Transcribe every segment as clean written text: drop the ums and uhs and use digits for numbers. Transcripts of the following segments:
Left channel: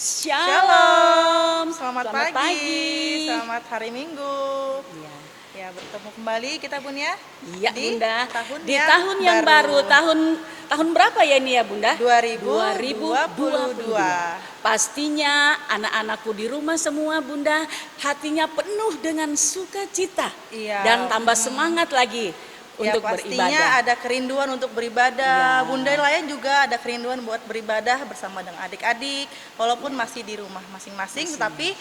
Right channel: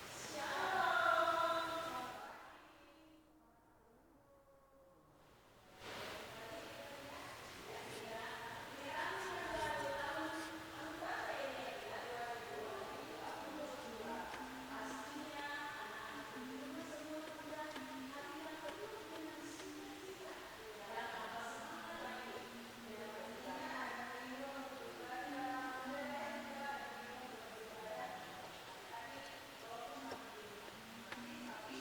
Shalom, Selamat pagi, selamat hari Minggu. Iya, Ya, bertemu kembali kita Bun ya iya di Bunda. tahun Di yang tahun yang baru, tahun berapa ya ini ya Bunda? 2022. Pastinya anak-anakku di rumah semua Bunda, hatinya penuh dengan sukacita dan Iya, tambah semangat lagi ya untuk pastinya beribadah. ada kerinduan untuk beribadah. Ya, Bunda lain juga ada kerinduan buat beribadah bersama dengan adik-adik, walaupun masih di rumah masing-masing, tetapi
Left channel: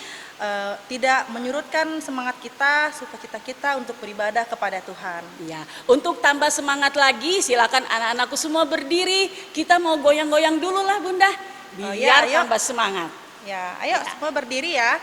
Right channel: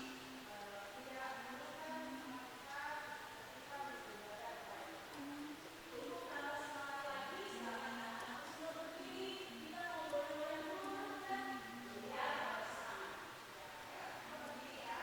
tidak menyurutkan semangat kita, sukacita kita untuk beribadah kepada Tuhan. ya. Untuk tambah semangat lagi, silakan anak-anakku semua berdiri. Kita mau goyang-goyang dulu lah Bunda, Oh, biar ya, ayo. tambah semangat. Ya, ayo semua berdiri ya.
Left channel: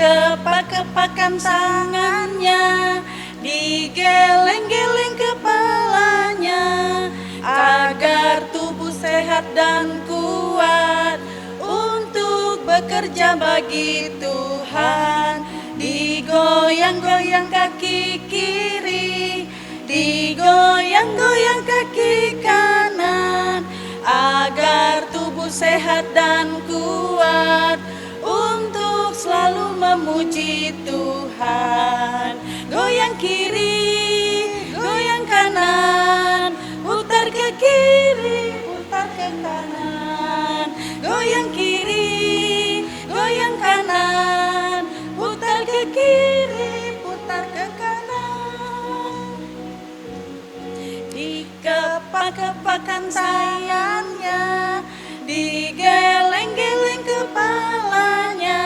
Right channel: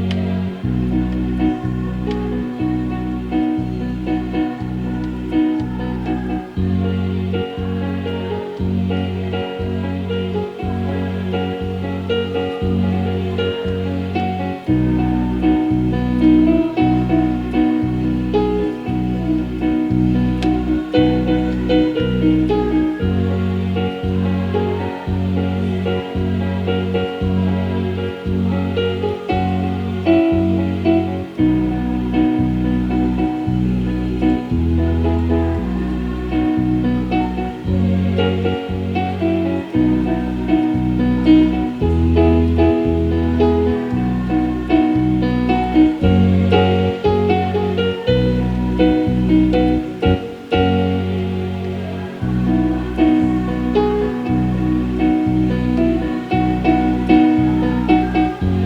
Dikepak-kepakkan tangannya, digeleng-geleng kepalanya, agar tubuh sehat dan kuat untuk bekerja bagi Tuhan. Digoyang-goyang kaki kiri, digoyang-goyang kaki kanan, agar tubuh sehat dan kuat untuk selalu memuji Tuhan. Goyang kiri, goyang kanan, putar ke kiri, putar ke kanan. Goyang kiri, goyang kanan, putar ke kiri, putar ke kanan. Dikepak-kepakkan tangannya, digeleng-geleng kepalanya,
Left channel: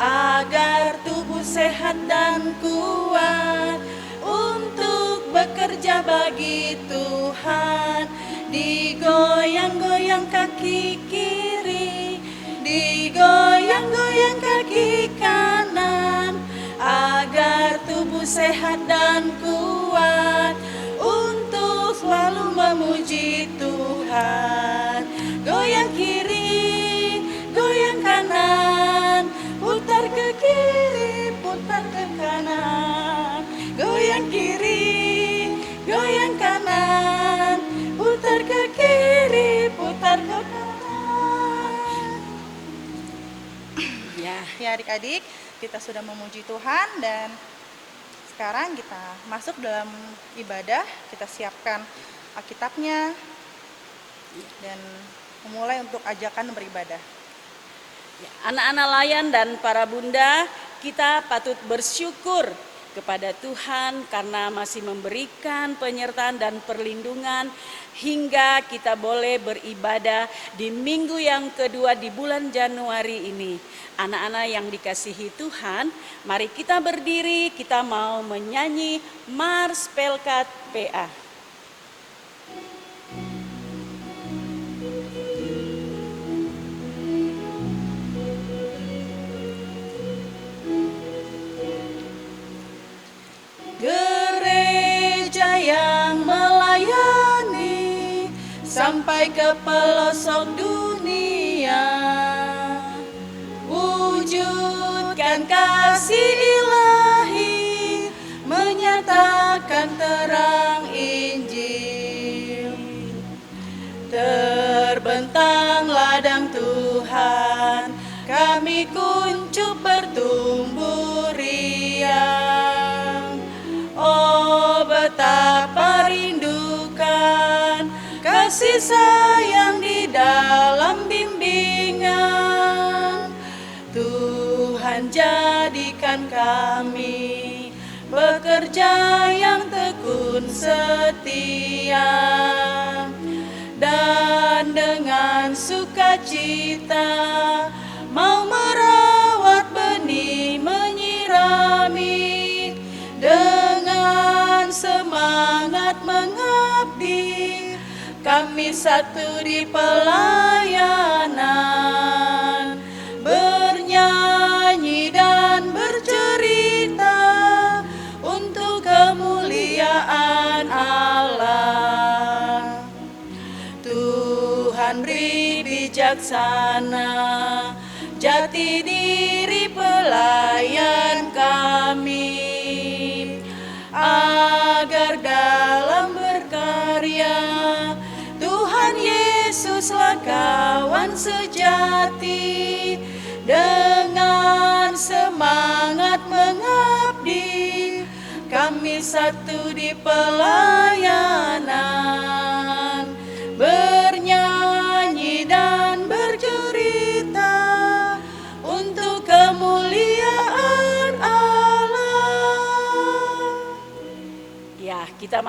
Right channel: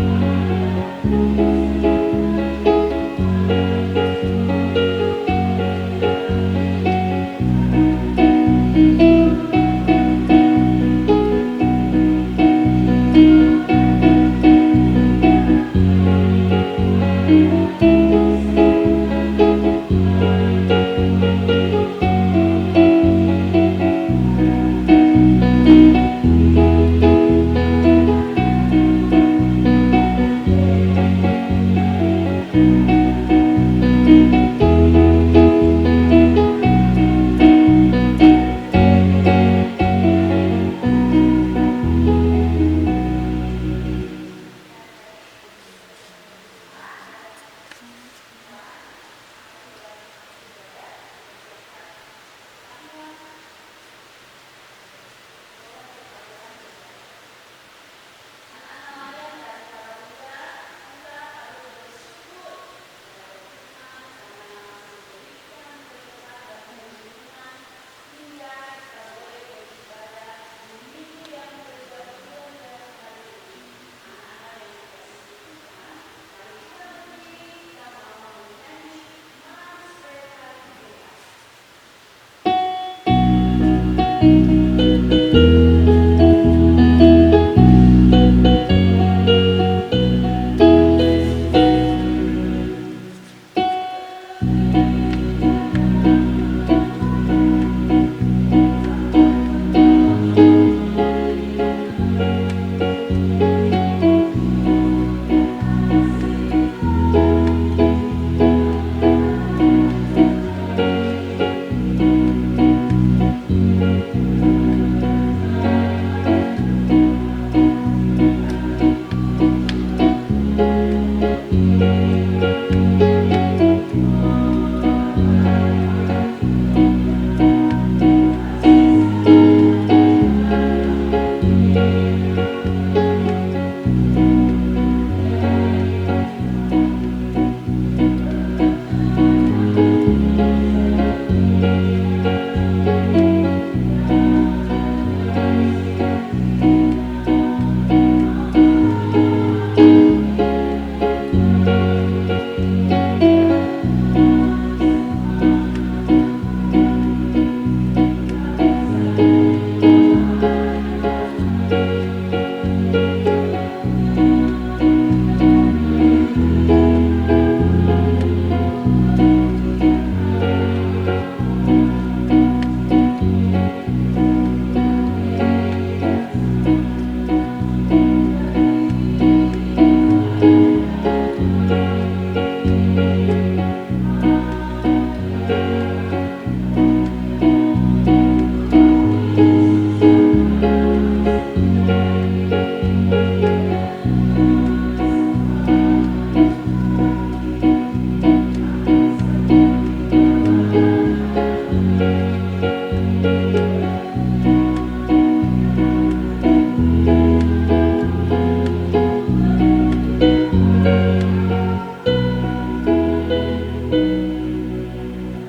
agar tubuh sehat dan kuat untuk bekerja bagi Tuhan. Digoyang-goyang kaki kiri, digoyang-goyang kaki kanan, agar tubuh sehat dan kuat untuk selalu memuji Tuhan. Goyang kiri, goyang kanan, putar ke kiri, putar ke kanan. Goyang kiri, goyang kanan, putar ke kiri, putar ke kanan. Ya adik-adik, kita sudah memuji Tuhan dan sekarang kita masuk dalam ibadah. Kita siapkan Alkitabnya dan memulai untuk ajakan beribadah. Anak-anak layan dan para bunda, kita patut bersyukur kepada Tuhan karena masih memberikan penyertaan dan perlindungan hingga kita boleh beribadah di minggu yang kedua di bulan Januari ini. Anak-anak yang dikasihi Tuhan, mari kita berdiri, kita mau menyanyi Mars Pelkat PA. Gereja yang melayani sampai ke pelosok dunia, wujudkan kasih ilahi, menyatakan terang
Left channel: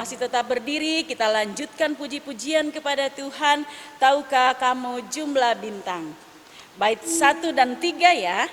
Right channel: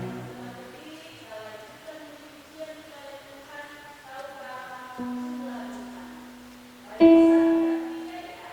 masih tetap berdiri, kita lanjutkan puji-pujian kepada Tuhan. Tahukah kamu jumlah bintang? Bait 1 dan 3 ya.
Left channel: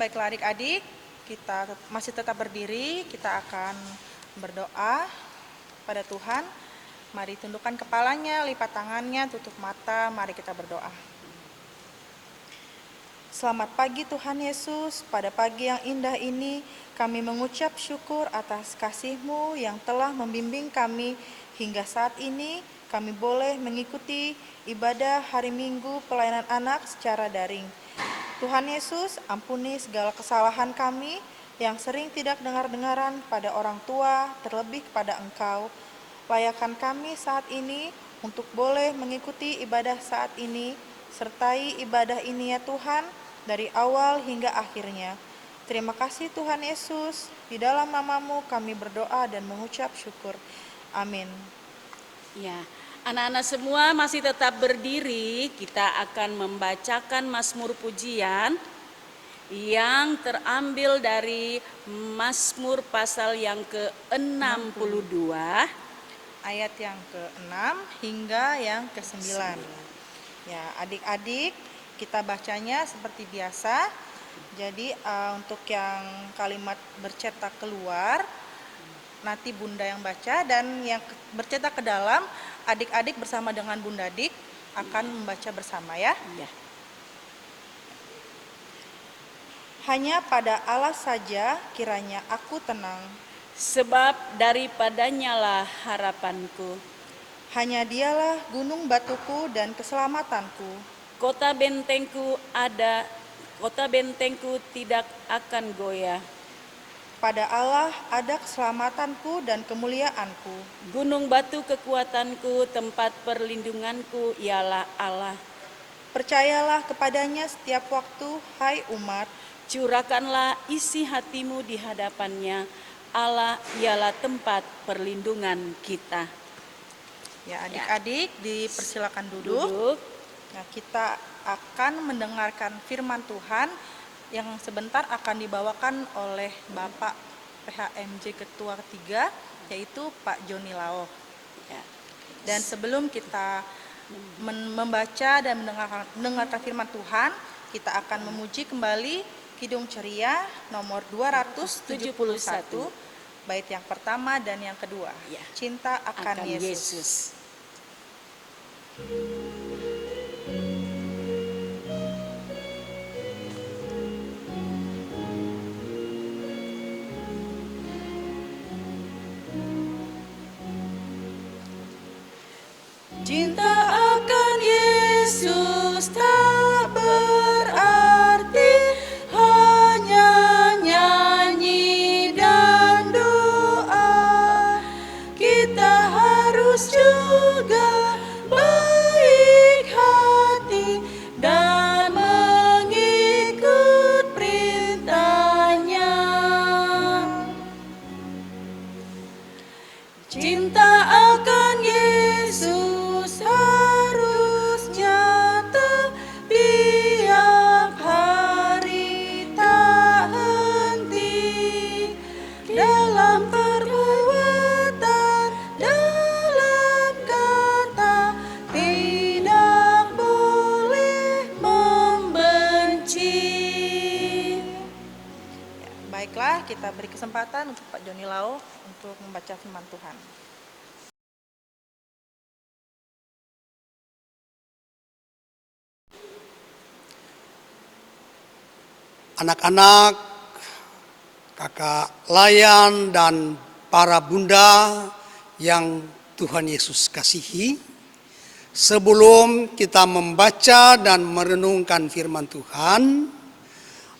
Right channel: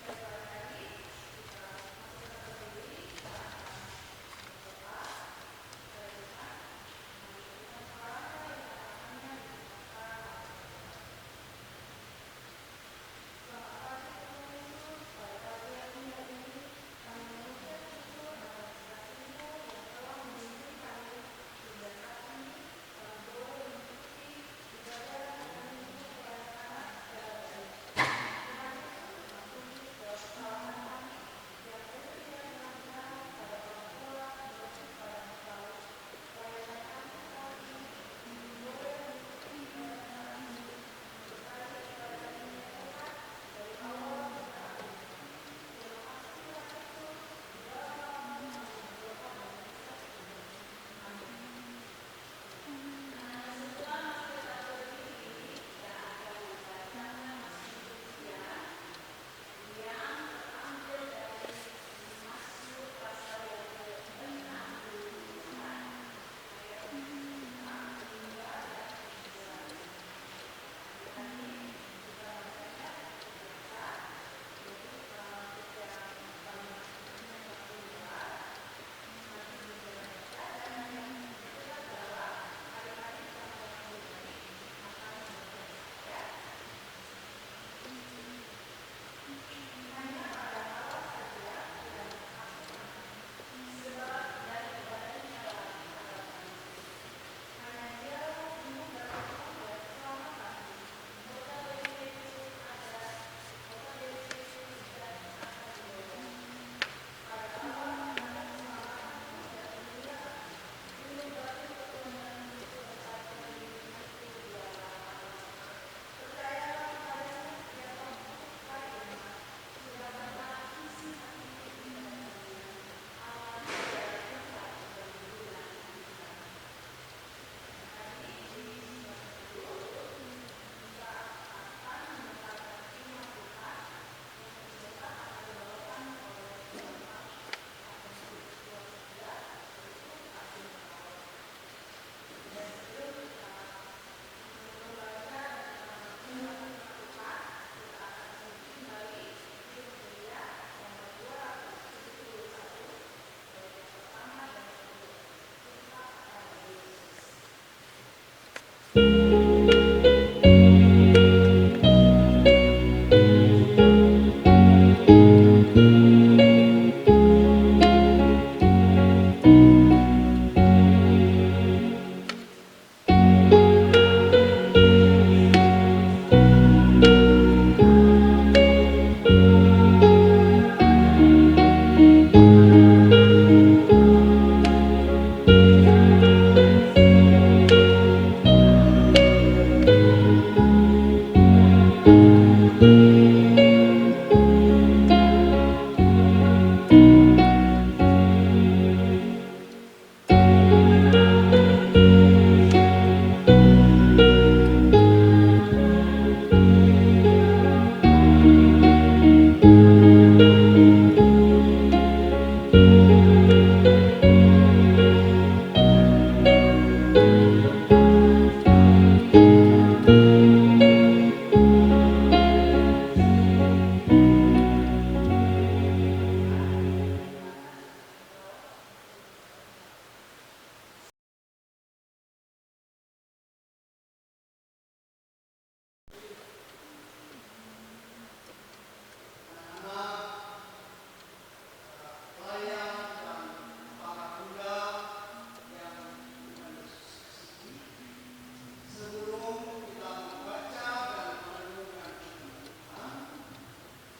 Baiklah adik-adik, kita masih tetap berdiri, kita akan berdoa pada Tuhan. Mari tundukkan kepalanya, lipat tangannya, tutup mata, mari kita berdoa. Selamat pagi Tuhan Yesus, pada pagi yang indah ini kami mengucap syukur atas kasih-Mu yang telah membimbing kami hingga saat ini kami boleh mengikuti ibadah hari Minggu pelayanan anak secara daring. Tuhan Yesus, ampuni segala kesalahan kami yang sering tidak dengar-dengaran pada orang tua, terlebih kepada Engkau. Layakan kami saat ini untuk boleh mengikuti ibadah saat ini, sertai ibadah ini ya Tuhan, dari awal hingga akhirnya. Terima kasih Tuhan Yesus, di dalam nama-Mu kami berdoa dan mengucap syukur. Amin. Ya, anak-anak semua masih tetap berdiri, kita akan membacakan Mazmur pujian yang terambil dari Mazmur pasal yang ke-62 ayat yang ke-6 hingga yang ke-9. Ya, adik-adik, kita bacanya seperti biasa. Jadi untuk yang kalimat bercetak keluar nanti Bunda yang baca, dan yang bercetak ke dalam adik-adik bersama dengan Bunda Dik akan membaca bersama ya. Ya. Hanya pada Allah saja kiranya aku tenang, Sebab daripadanya lah harapanku. hanya Dialah gunung batuku dan keselamatanku. Kota bentengku tidak akan goyah. Pada Allah ada keselamatanku dan kemuliaanku. Gunung batu kekuatanku, tempat perlindunganku ialah Allah. Percayalah kepadanya setiap waktu, hai umat. Curahkanlah isi hatimu di hadapannya. Allah ialah tempat perlindungan kita. Ya, adik-adik dipersilakan duduk. Nah, kita akan mendengarkan firman Tuhan yang sebentar akan dibawakan oleh Bapak PHMJ Ketua 3, yaitu Pak Joni Lao. Ya. Dan sebelum kita membaca dan mendengarkan firman Tuhan, kita akan memuji kembali Kidung Ceria nomor 271, bait yang pertama dan yang kedua. Ya. Cinta akan Yesus. Hanya nyanyi dan doa. kita beri kesempatan untuk Pak Joni Lau untuk membaca firman Tuhan. Anak-anak, kakak Layan dan para bunda yang Tuhan Yesus kasihi, sebelum kita membaca dan merenungkan firman Tuhan,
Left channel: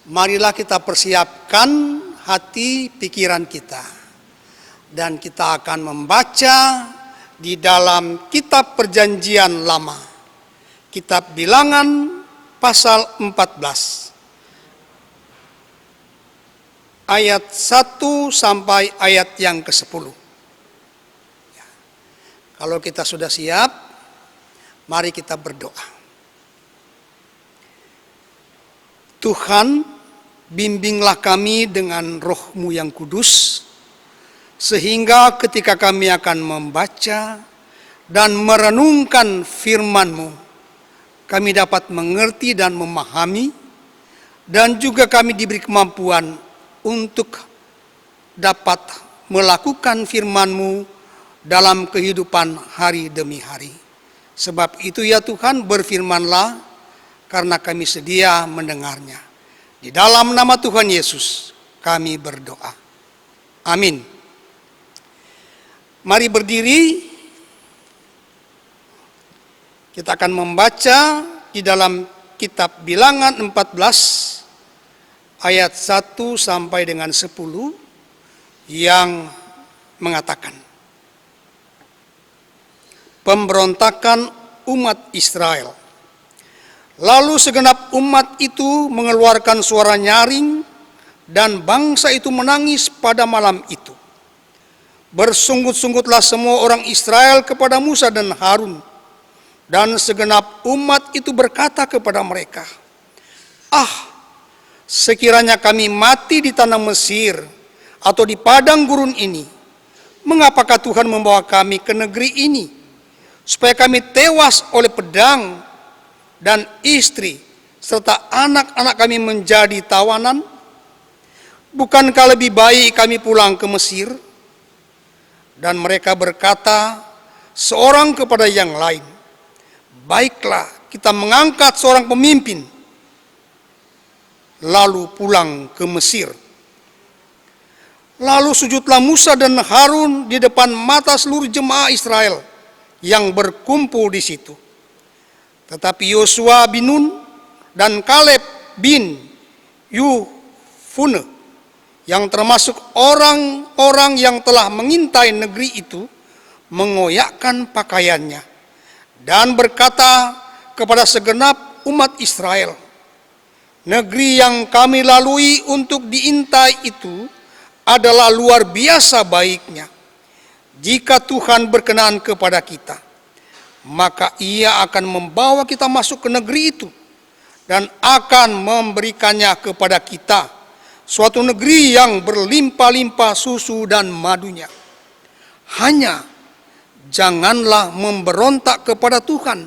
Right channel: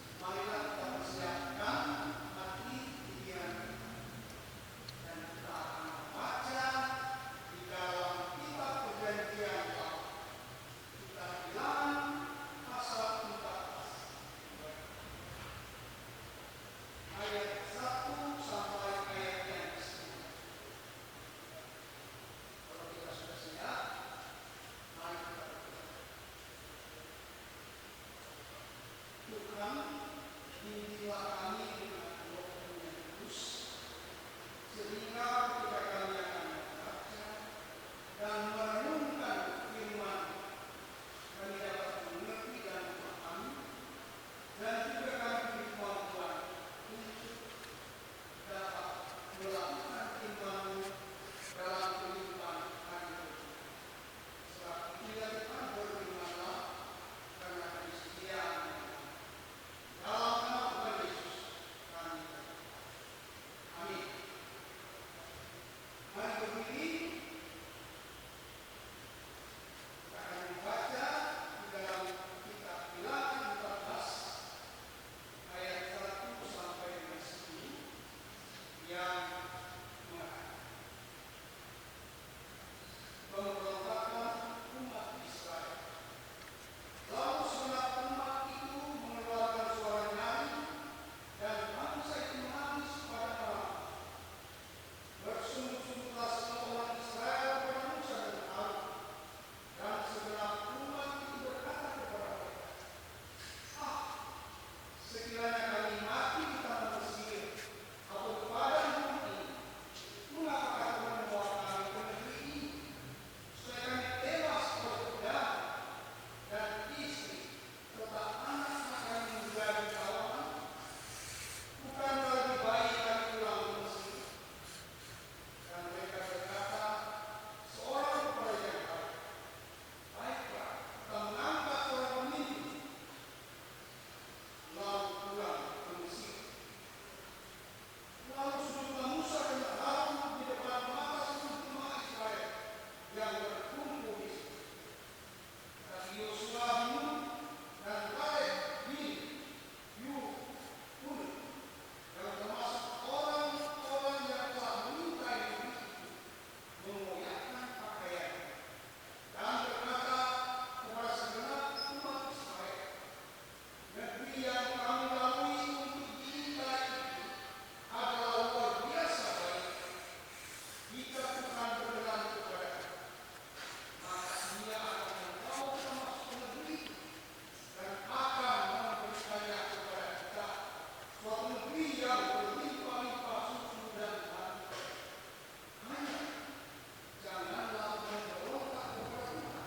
marilah kita persiapkan hati pikiran kita. Dan kita akan membaca di dalam kitab Perjanjian Lama, kitab Bilangan pasal 14. Ayat 1 sampai ayat yang ke-10. Kalau kita sudah siap, mari kita berdoa. Tuhan, bimbinglah kami dengan Roh-Mu yang kudus, sehingga ketika kami akan membaca dan merenungkan firman-Mu, kami dapat mengerti dan memahami, dan juga kami diberi kemampuan untuk dapat melakukan firman-Mu dalam kehidupan hari demi hari. Sebab itu ya Tuhan, berfirmanlah karena kami sedia mendengarnya. Di dalam nama Tuhan Yesus kami berdoa. Amin. Mari berdiri. Kita akan membaca di dalam kitab Bilangan 14 ayat 1 sampai dengan 10 yang mengatakan, pemberontakan umat Israel. Lalu segenap umat itu mengeluarkan suara nyaring dan bangsa itu menangis pada malam itu. Bersungut-sungutlah semua orang Israel kepada Musa dan Harun, dan segenap umat itu berkata kepada mereka, sekiranya kami mati di tanah Mesir atau di padang gurun ini, mengapakah Tuhan membawa kami ke negeri ini, supaya kami tewas oleh pedang dan istri serta anak-anak kami menjadi tawanan? Bukankah lebih baik kami pulang ke Mesir? Dan mereka berkata seorang kepada yang lain, baiklah kita mengangkat seorang pemimpin lalu pulang ke Mesir. Lalu sujudlah Musa dan Harun di depan mata seluruh jemaah Israel yang berkumpul di situ. Tetapi Yosua bin Nun dan Kaleb bin Yefune, yang termasuk orang-orang yang telah mengintai negeri itu, mengoyakkan pakaiannya dan berkata kepada segenap umat Israel, negeri yang kami lalui untuk diintai itu adalah luar biasa baiknya. Jika Tuhan berkenan kepada kita, maka Ia akan membawa kita masuk ke negeri itu dan akan memberikannya kepada kita, suatu negeri yang berlimpah-limpah susu dan madunya. Hanya janganlah memberontak kepada Tuhan,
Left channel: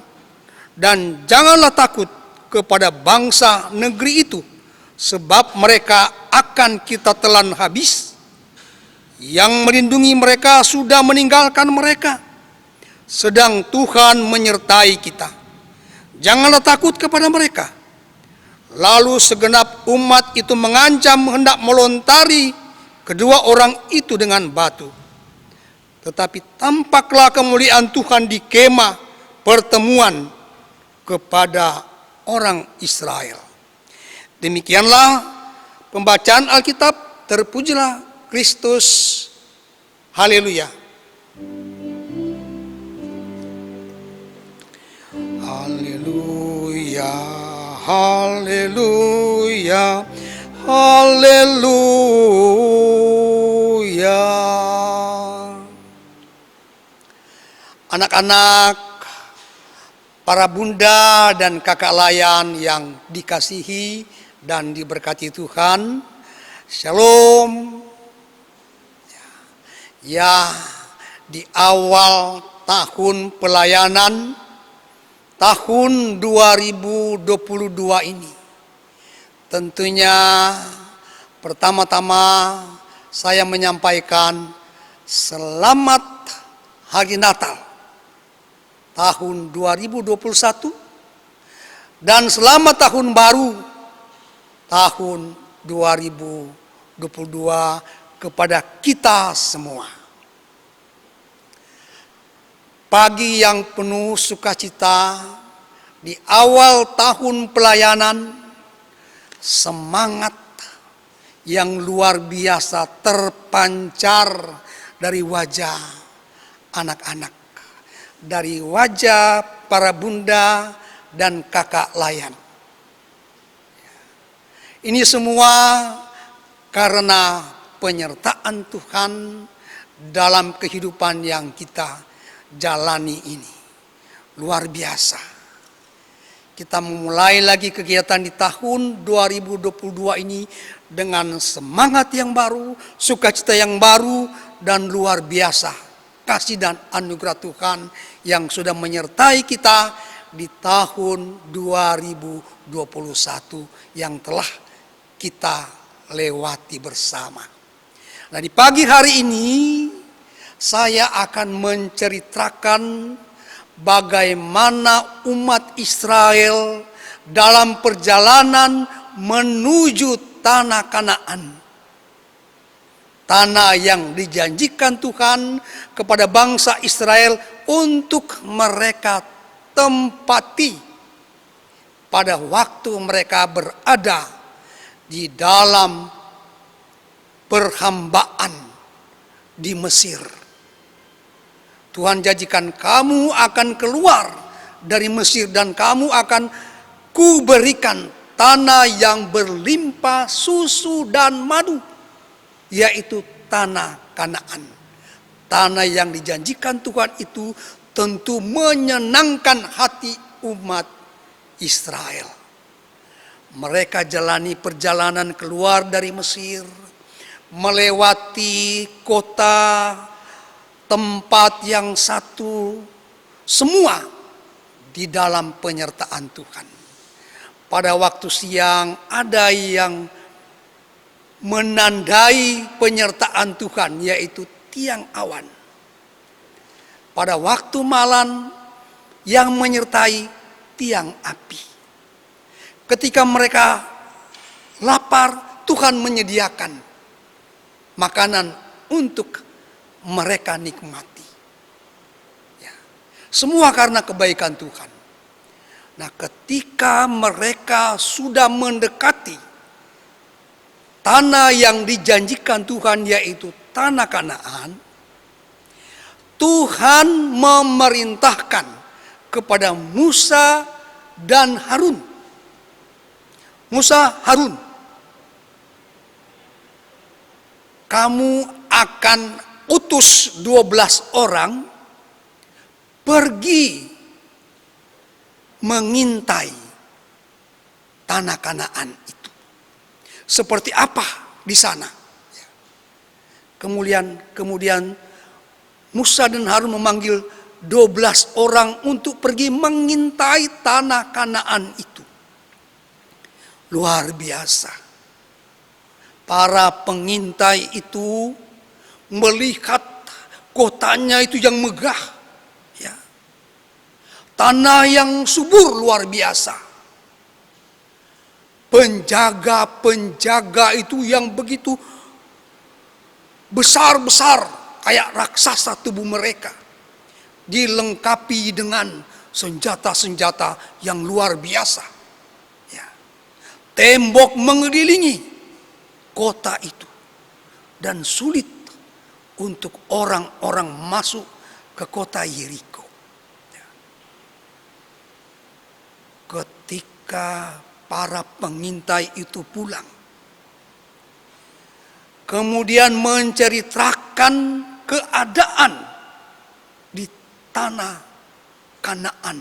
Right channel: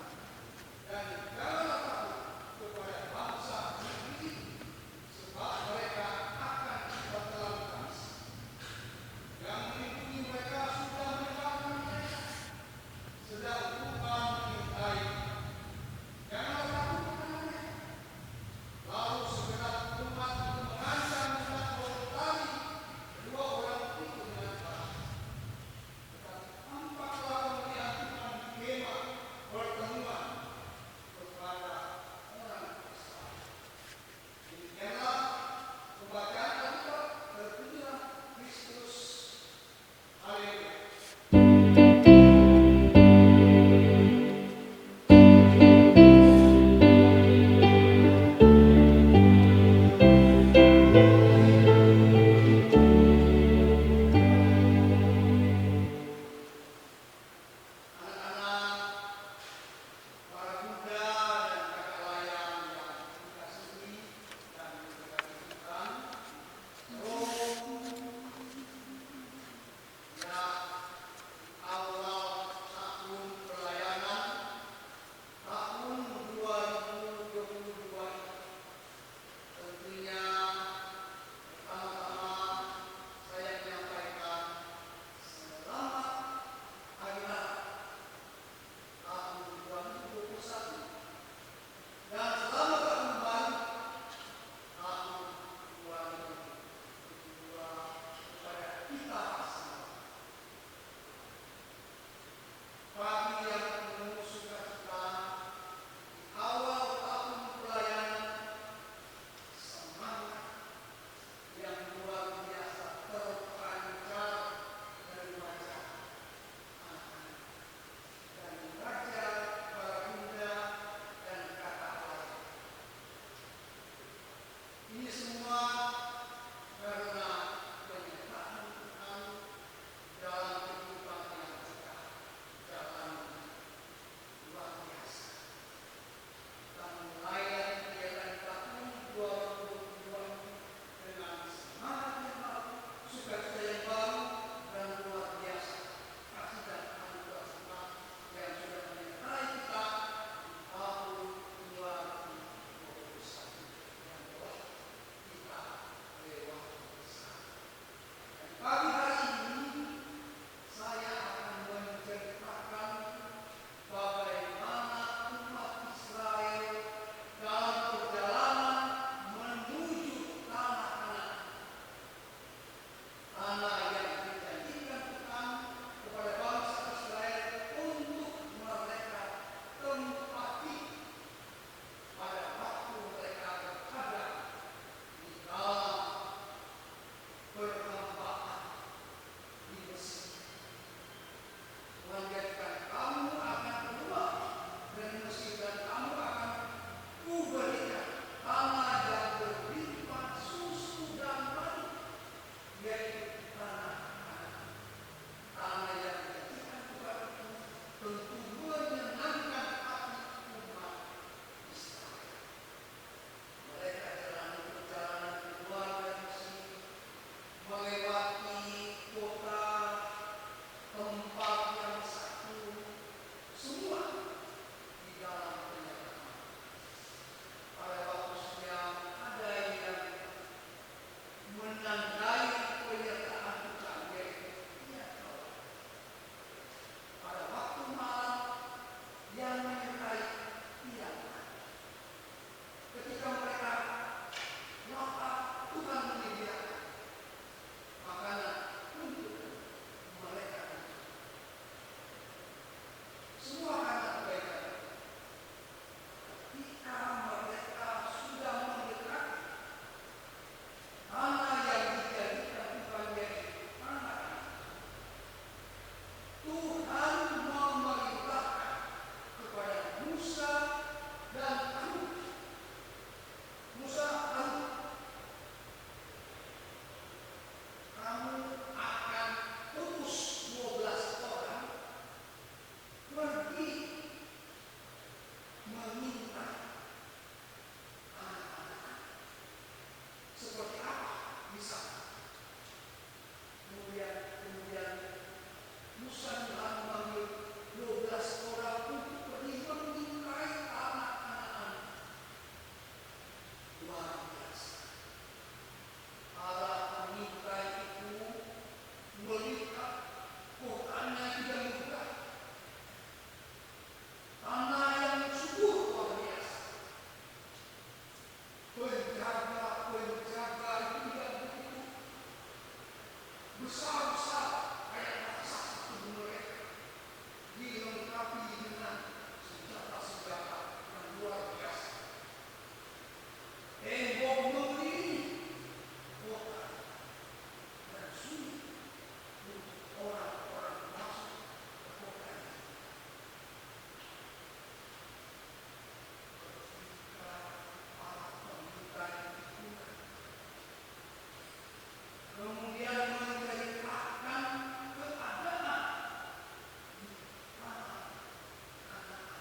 dan janganlah takut kepada bangsa negeri itu, sebab mereka akan kita telan habis. Yang melindungi mereka sudah meninggalkan mereka, sedang Tuhan menyertai kita. Janganlah takut kepada mereka. Lalu segenap umat itu mengancam hendak melontari kedua orang itu dengan batu. Tetapi tampaklah kemuliaan Tuhan di kemah pertemuan kepada orang Israel. Demikianlah pembacaan Alkitab. Terpujilah Kristus. Haleluya. Haleluya. Haleluya. Haleluya. Anak-anak, para bunda dan kakak Layan yang dikasihi dan diberkati Tuhan, Shalom. Ya, di awal tahun pelayanan tahun 2022 ini, tentunya pertama-tama saya menyampaikan selamat Hari Natal tahun 2021 dan selamat Tahun Baru tahun 2022 kepada kita semua. Pagi yang penuh sukacita di awal tahun pelayanan, semangat yang luar biasa terpancar dari wajah anak-anak, dari wajah para bunda dan kakak layan. Ini semua karena penyertaan Tuhan dalam kehidupan yang kita jalani ini. Luar biasa. Kita memulai lagi kegiatan di tahun 2022 ini dengan semangat yang baru, sukacita yang baru, dan luar biasa kasih dan anugerah Tuhan yang sudah menyertai kita di tahun 2021 yang telah kita lewati bersama. Nah, di pagi hari ini saya akan menceritakan bagaimana umat Israel dalam perjalanan menuju tanah Kanaan. Tanah yang dijanjikan Tuhan kepada bangsa Israel untuk mereka tempati pada waktu mereka berada di dalam perhambaan di Mesir. Tuhan janjikan kamu akan keluar dari Mesir dan kamu akan kuberikan tanah yang berlimpah susu dan madu, yaitu tanah Kanaan. Tanah yang dijanjikan Tuhan itu tentu menyenangkan hati umat Israel. Mereka jalani perjalanan keluar dari Mesir, melewati kota, tempat yang satu, semua di dalam penyertaan Tuhan. Pada waktu siang ada yang menandai penyertaan Tuhan, yaitu tiang awan. Pada waktu malam yang menyertai tiang api. Ketika mereka lapar, Tuhan menyediakan makanan untuk mereka nikmati. Ya. Semua karena kebaikan Tuhan. Nah, ketika mereka sudah mendekati tanah yang dijanjikan Tuhan, yaitu tanah Kanaan, Tuhan memerintahkan kepada Musa dan Harun. Musa, Harun, kamu akan utus 12 orang pergi mengintai tanah Kanaan itu. Seperti apa di sana? Kemudian Musa dan Harun memanggil 12 orang untuk pergi mengintai tanah Kanaan itu. Luar biasa. Para pengintai itu melihat kotanya itu yang megah, ya. Tanah yang subur luar biasa. Penjaga-penjaga itu yang begitu besar-besar kayak raksasa tubuh mereka, dilengkapi dengan senjata-senjata yang luar biasa. Ya. Tembok mengelilingi kota itu dan sulit untuk orang-orang masuk ke kota Yeriko. Ketika para pengintai itu pulang, kemudian menceritakan keadaan di tanah Kanaan,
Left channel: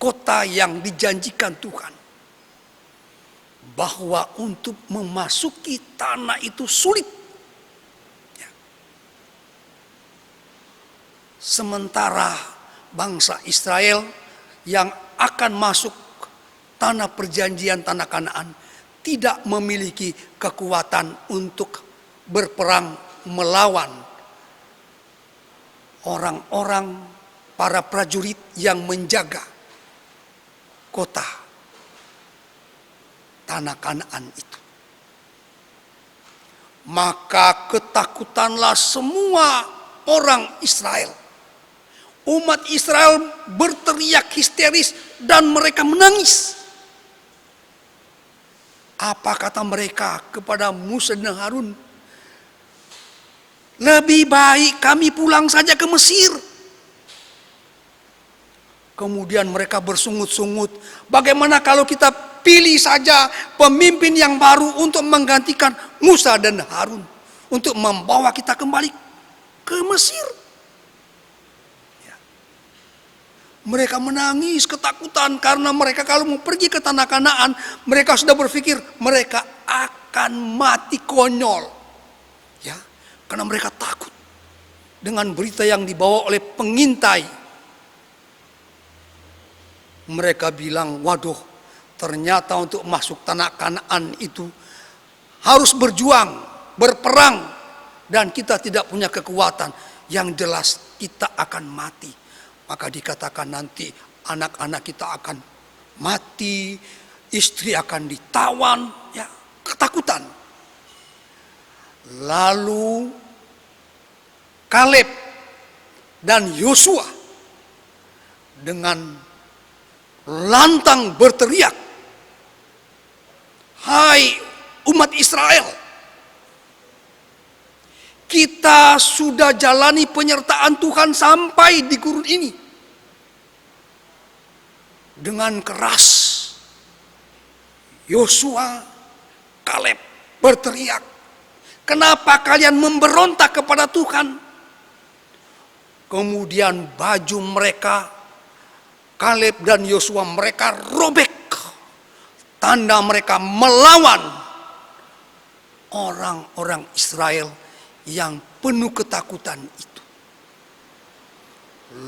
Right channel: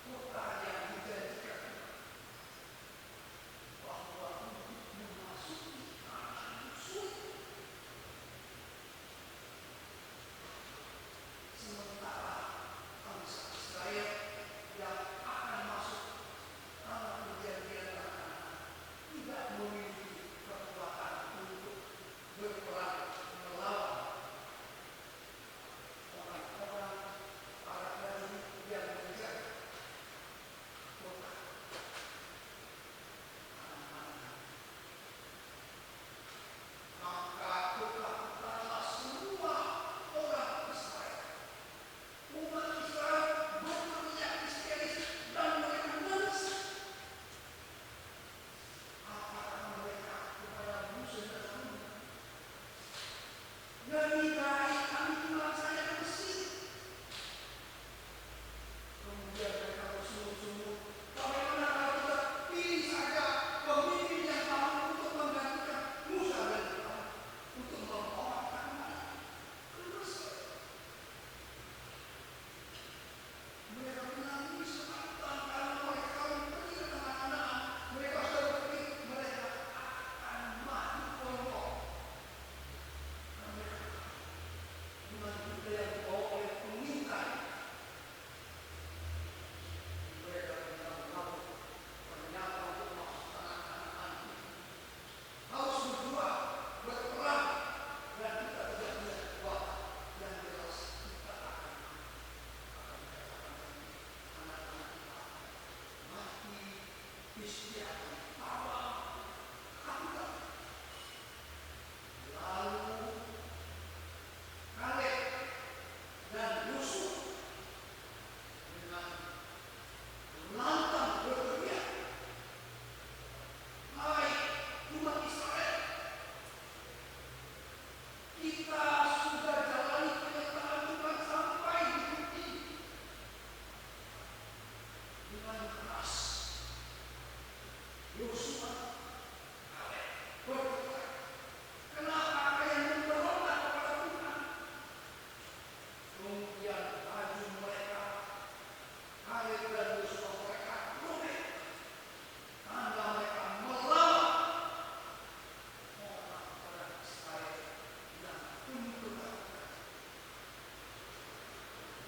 kota yang dijanjikan Tuhan, bahwa untuk memasuki tanah itu sulit. Sementara bangsa Israel yang akan masuk tanah perjanjian, tanah Kanaan, tidak memiliki kekuatan untuk berperang melawan orang-orang para prajurit yang menjaga kota tanah Kanaan itu. Maka ketakutanlah semua orang Israel. Umat Israel berteriak histeris dan mereka menangis. Apa kata mereka kepada Musa dan Harun? Lebih baik kami pulang saja ke Mesir. Kemudian mereka bersungut-sungut, bagaimana kalau kita pilih saja pemimpin yang baru untuk menggantikan Musa dan Harun, untuk membawa kita kembali ke Mesir. Ya. Mereka menangis ketakutan karena mereka kalau mau pergi ke tanah Kanaan, mereka sudah berpikir mereka akan mati konyol. Ya, karena mereka takut dengan berita yang dibawa oleh pengintai. Mereka bilang, waduh, ternyata untuk masuk tanah Kanaan itu harus berjuang, berperang, dan kita tidak punya kekuatan. Yang jelas kita akan mati. Maka dikatakan nanti anak-anak kita akan mati, istri akan ditawan, ya, ketakutan. Lalu Kaleb dan Yosua dengan lantang berteriak, hai umat Israel, kita sudah jalani penyertaan Tuhan sampai di gurun ini. Dengan keras Yosua, Kaleb berteriak, kenapa kalian memberontak kepada Tuhan? Kemudian baju mereka, Kaleb dan Yosua, mereka robek. Tanda mereka melawan orang-orang Israel yang penuh ketakutan itu.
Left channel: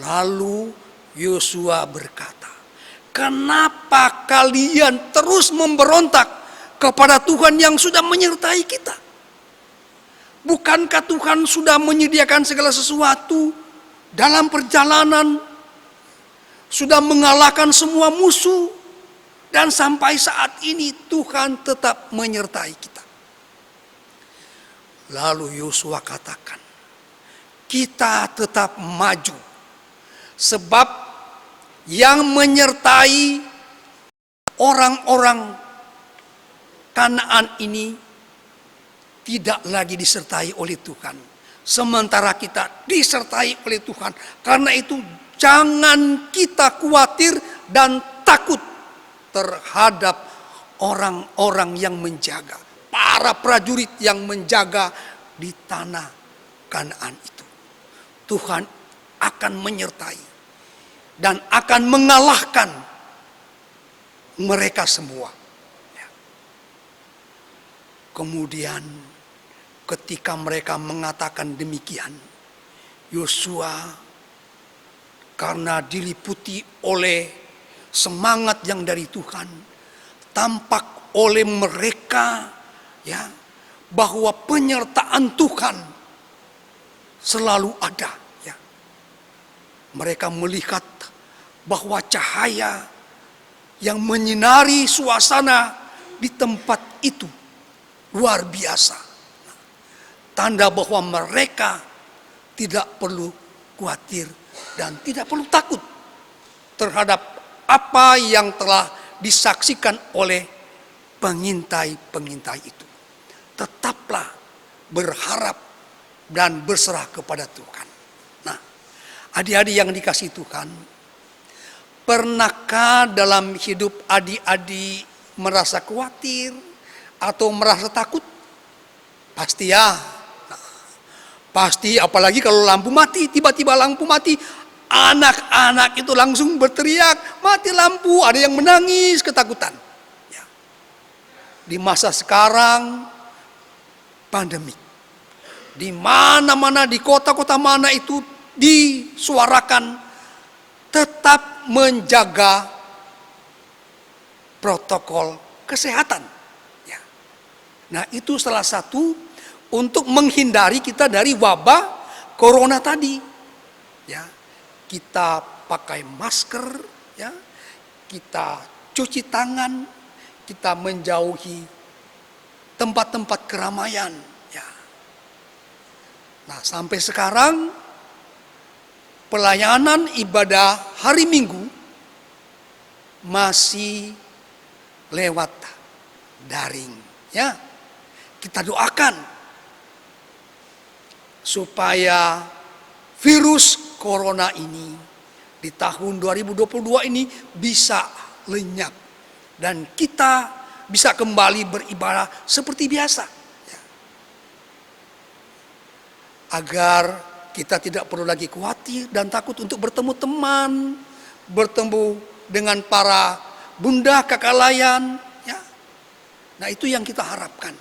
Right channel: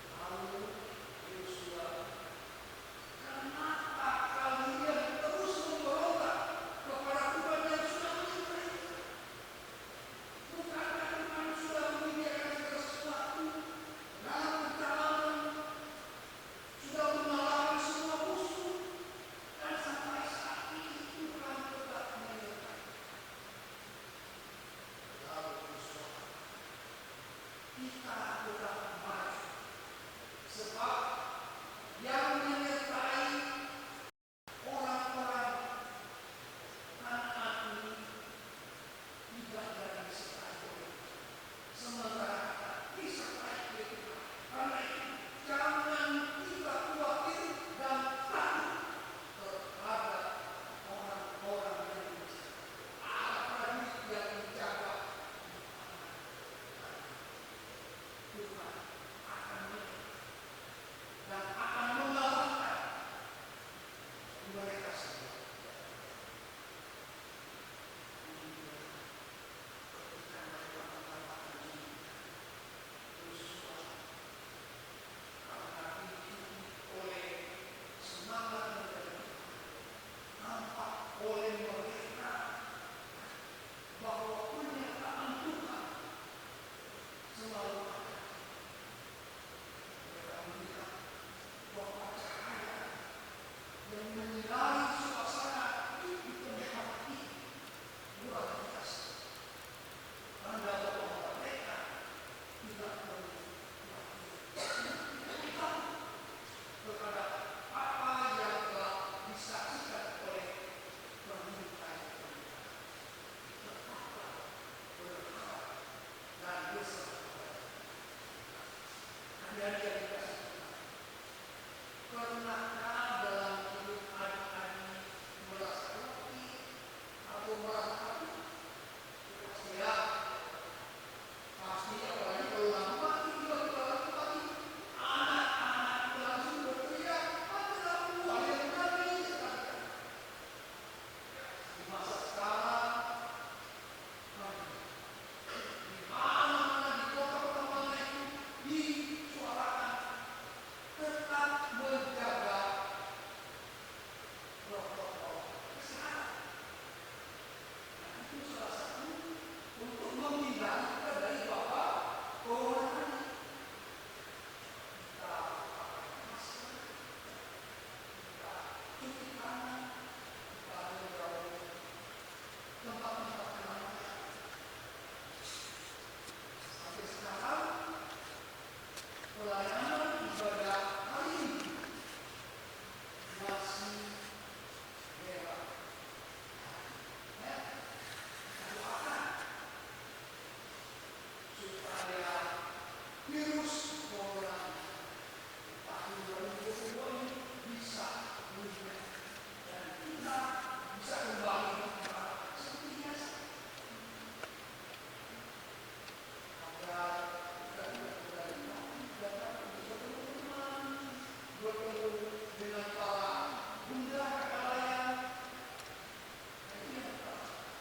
Lalu Yosua berkata, kenapa kalian terus memberontak kepada Tuhan yang sudah menyertai kita? Bukankah Tuhan sudah menyediakan segala sesuatu dalam perjalanan, sudah mengalahkan semua musuh, dan sampai saat ini Tuhan tetap menyertai kita. Lalu Yosua katakan, kita tetap maju, sebab yang menyertai orang-orang Kanaan ini tidak lagi disertai oleh Tuhan, sementara kita disertai oleh Tuhan. Karena itu jangan kita khawatir dan takut terhadap orang-orang yang menjaga, para prajurit yang menjaga di tanah Kanaan itu. Tuhan akan menyertai dan akan mengalahkan mereka semua. Kemudian ketika mereka mengatakan demikian, Yosua karena diliputi oleh semangat yang dari Tuhan, tampak oleh mereka, ya, bahwa penyertaan Tuhan selalu ada. Ya. Mereka melihat bahwa cahaya yang menyinari suasana di tempat itu luar biasa. Tanda bahwa mereka tidak perlu khawatir dan tidak perlu takut terhadap apa yang telah disaksikan oleh pengintai-pengintai itu. Tetaplah berharap dan berserah kepada Tuhan. Nah, adik-adik yang dikasihi Tuhan, pernahkah dalam hidup adik-adik merasa khawatir atau merasa takut? Pasti ya. Pasti, apalagi kalau lampu mati, tiba-tiba lampu mati, anak-anak itu langsung berteriak, mati lampu, ada yang menangis ketakutan. Ya. Di masa sekarang pandemi, di mana-mana, di kota-kota mana itu disuarakan tetap menjaga protokol kesehatan. Ya. Nah, itu salah satu untuk menghindari kita dari wabah corona tadi. Ya, kita pakai masker, ya, kita cuci tangan, kita menjauhi tempat-tempat keramaian. Ya. Nah, sampai sekarang pelayanan ibadah hari Minggu masih lewat daring. Ya, kita doakan supaya virus corona ini di tahun 2022 ini bisa lenyap dan kita bisa kembali beribadah seperti biasa. Ya. Agar kita tidak perlu lagi khawatir dan takut untuk bertemu teman, bertemu dengan para bunda kakak layan. Ya. Nah, itu yang kita harapkan.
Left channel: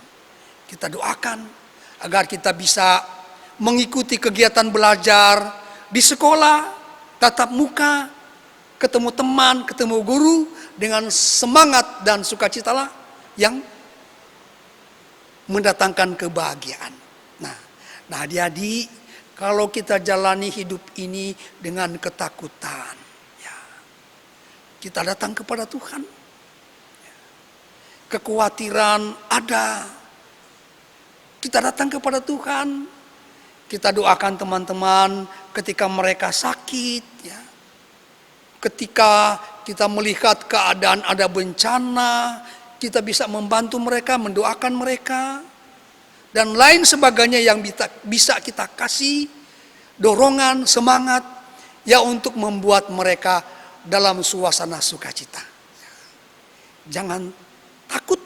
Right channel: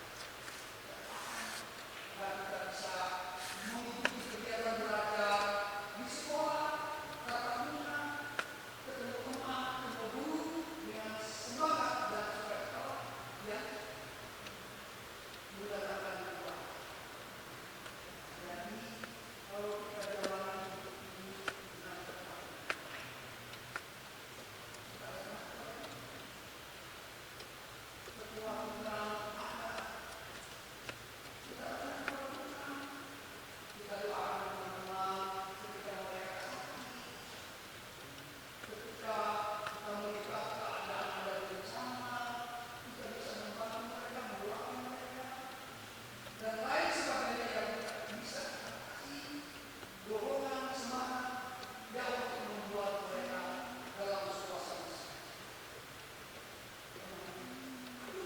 Kita doakan agar kita bisa mengikuti kegiatan belajar di sekolah, tatap muka, ketemu teman, ketemu guru dengan semangat dan sukacita yang mendatangkan kebahagiaan. Nah, adik-adik, kalau kita jalani hidup ini dengan ketakutan, ya, kita datang kepada Tuhan. Kekhawatiran ada, kita datang kepada Tuhan. Kita doakan teman-teman ketika mereka sakit, ya. Ketika kita melihat keadaan ada bencana, kita bisa membantu mereka, mendoakan mereka. Dan lain sebagainya yang bisa kita kasih dorongan, semangat, ya, untuk membuat mereka dalam suasana sukacita. Jangan takut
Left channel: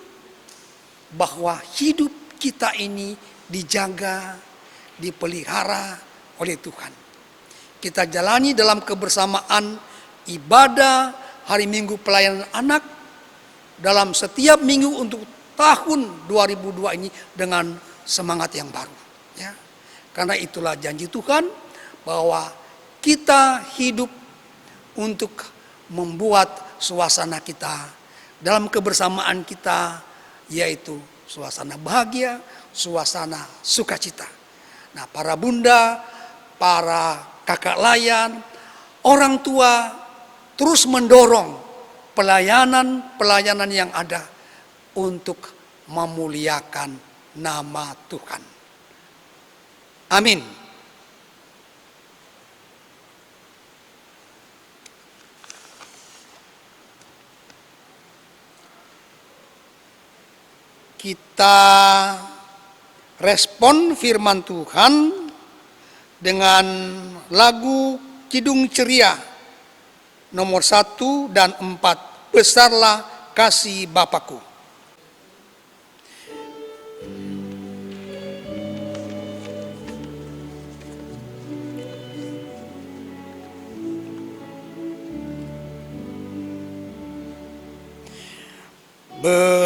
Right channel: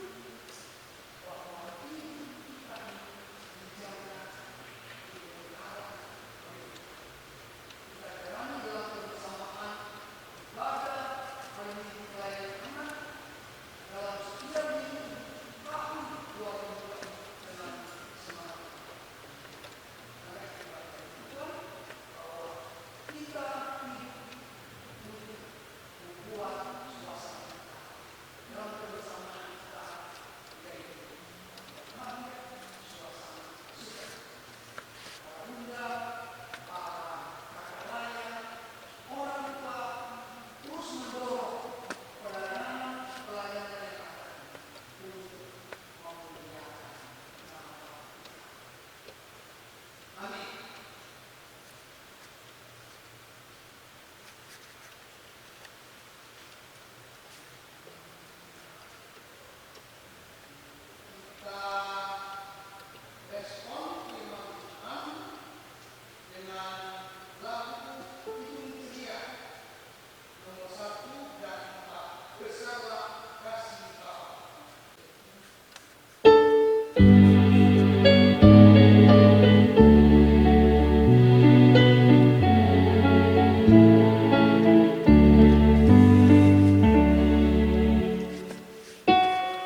bahwa hidup kita ini dijaga, dipelihara oleh Tuhan. Kita jalani dalam kebersamaan ibadah hari Minggu pelayanan anak dalam setiap minggu untuk tahun 2002 ini dengan semangat yang baru. Ya. Karena itulah janji Tuhan bahwa kita hidup untuk membuat suasana kita dalam kebersamaan kita, yaitu suasana bahagia, suasana sukacita. Nah, para bunda, para kakak layan, orang tua terus mendorong pelayanan yang ada untuk memuliakan nama Tuhan. Amin. Kita respon firman Tuhan dengan lagu Kidung Ceria nomor 1 dan 4. Besarlah kasih Bapakku.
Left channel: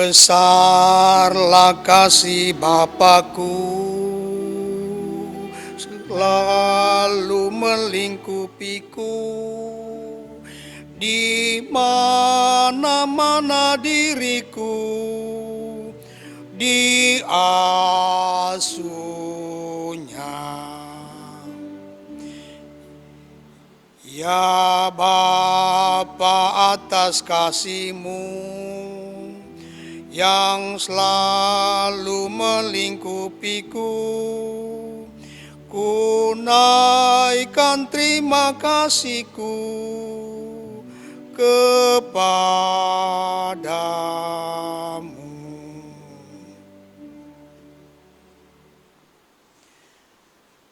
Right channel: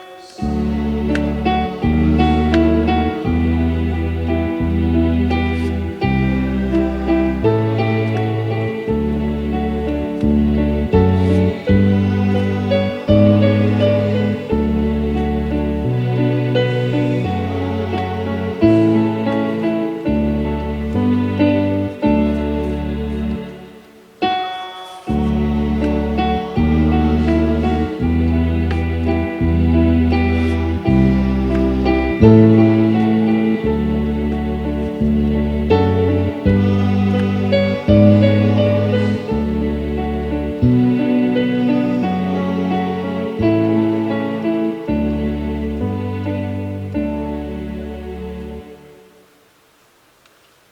Besarlah kasih Bapakku, selalu melingkupiku, di mana-mana diriku diasuhnya. Ya Bapa, atas kasih-Mu yang selalu melingkupiku, ku naikkan terima kasihku kepadamu.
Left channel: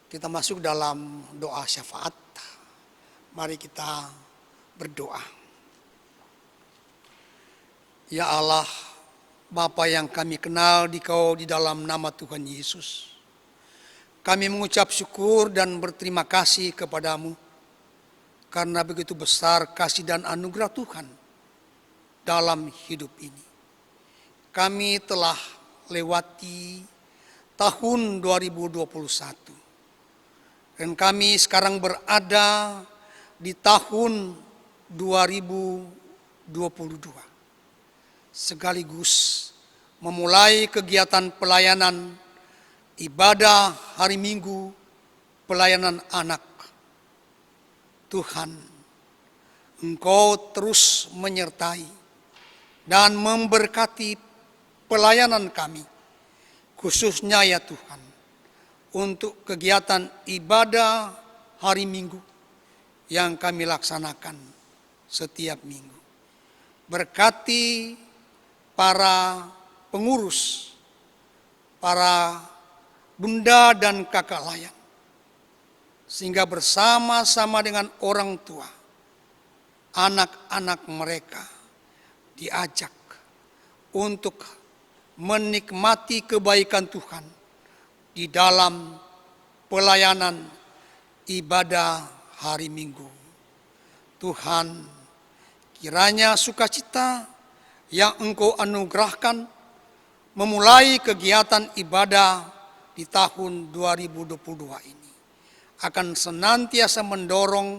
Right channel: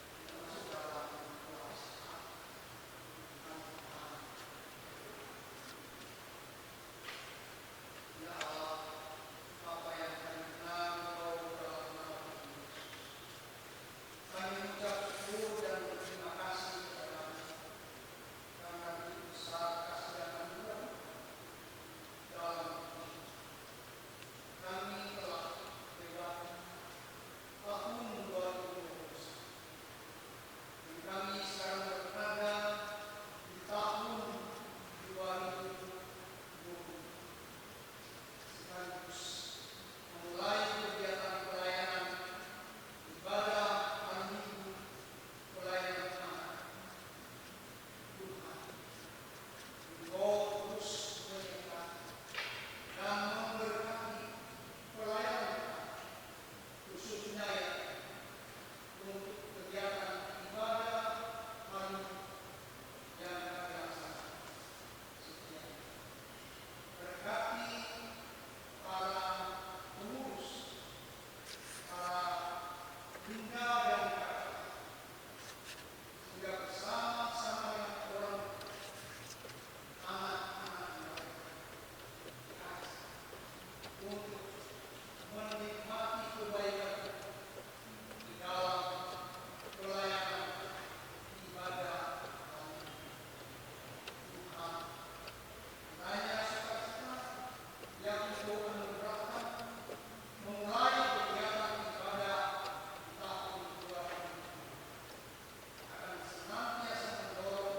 Kita masuk dalam doa syafaat. Mari kita berdoa. Ya Allah, Bapa yang kami kenal Dikau di dalam nama Tuhan Yesus, kami mengucap syukur dan berterima kasih kepadamu karena begitu besar kasih dan anugerah Tuhan dalam hidup ini. Kami telah lewati tahun 2021 dan kami sekarang berada di tahun 2022. Sekaligus memulai kegiatan pelayanan ibadah hari Minggu pelayanan anak. Tuhan, Engkau terus menyertai dan memberkati pelayanan kami, khususnya ya Tuhan, untuk kegiatan ibadah hari Minggu yang kami laksanakan setiap minggu. Berkati para pengurus, para bunda dan kakak layak, sehingga bersama-sama dengan orang tua, anak-anak mereka diajak untuk menikmati kebaikan Tuhan di dalam pelayanan ibadah hari Minggu. Tuhan, kiranya sukacita yang Engkau anugerahkan memulai kegiatan ibadah di tahun 2022 ini akan senantiasa mendorong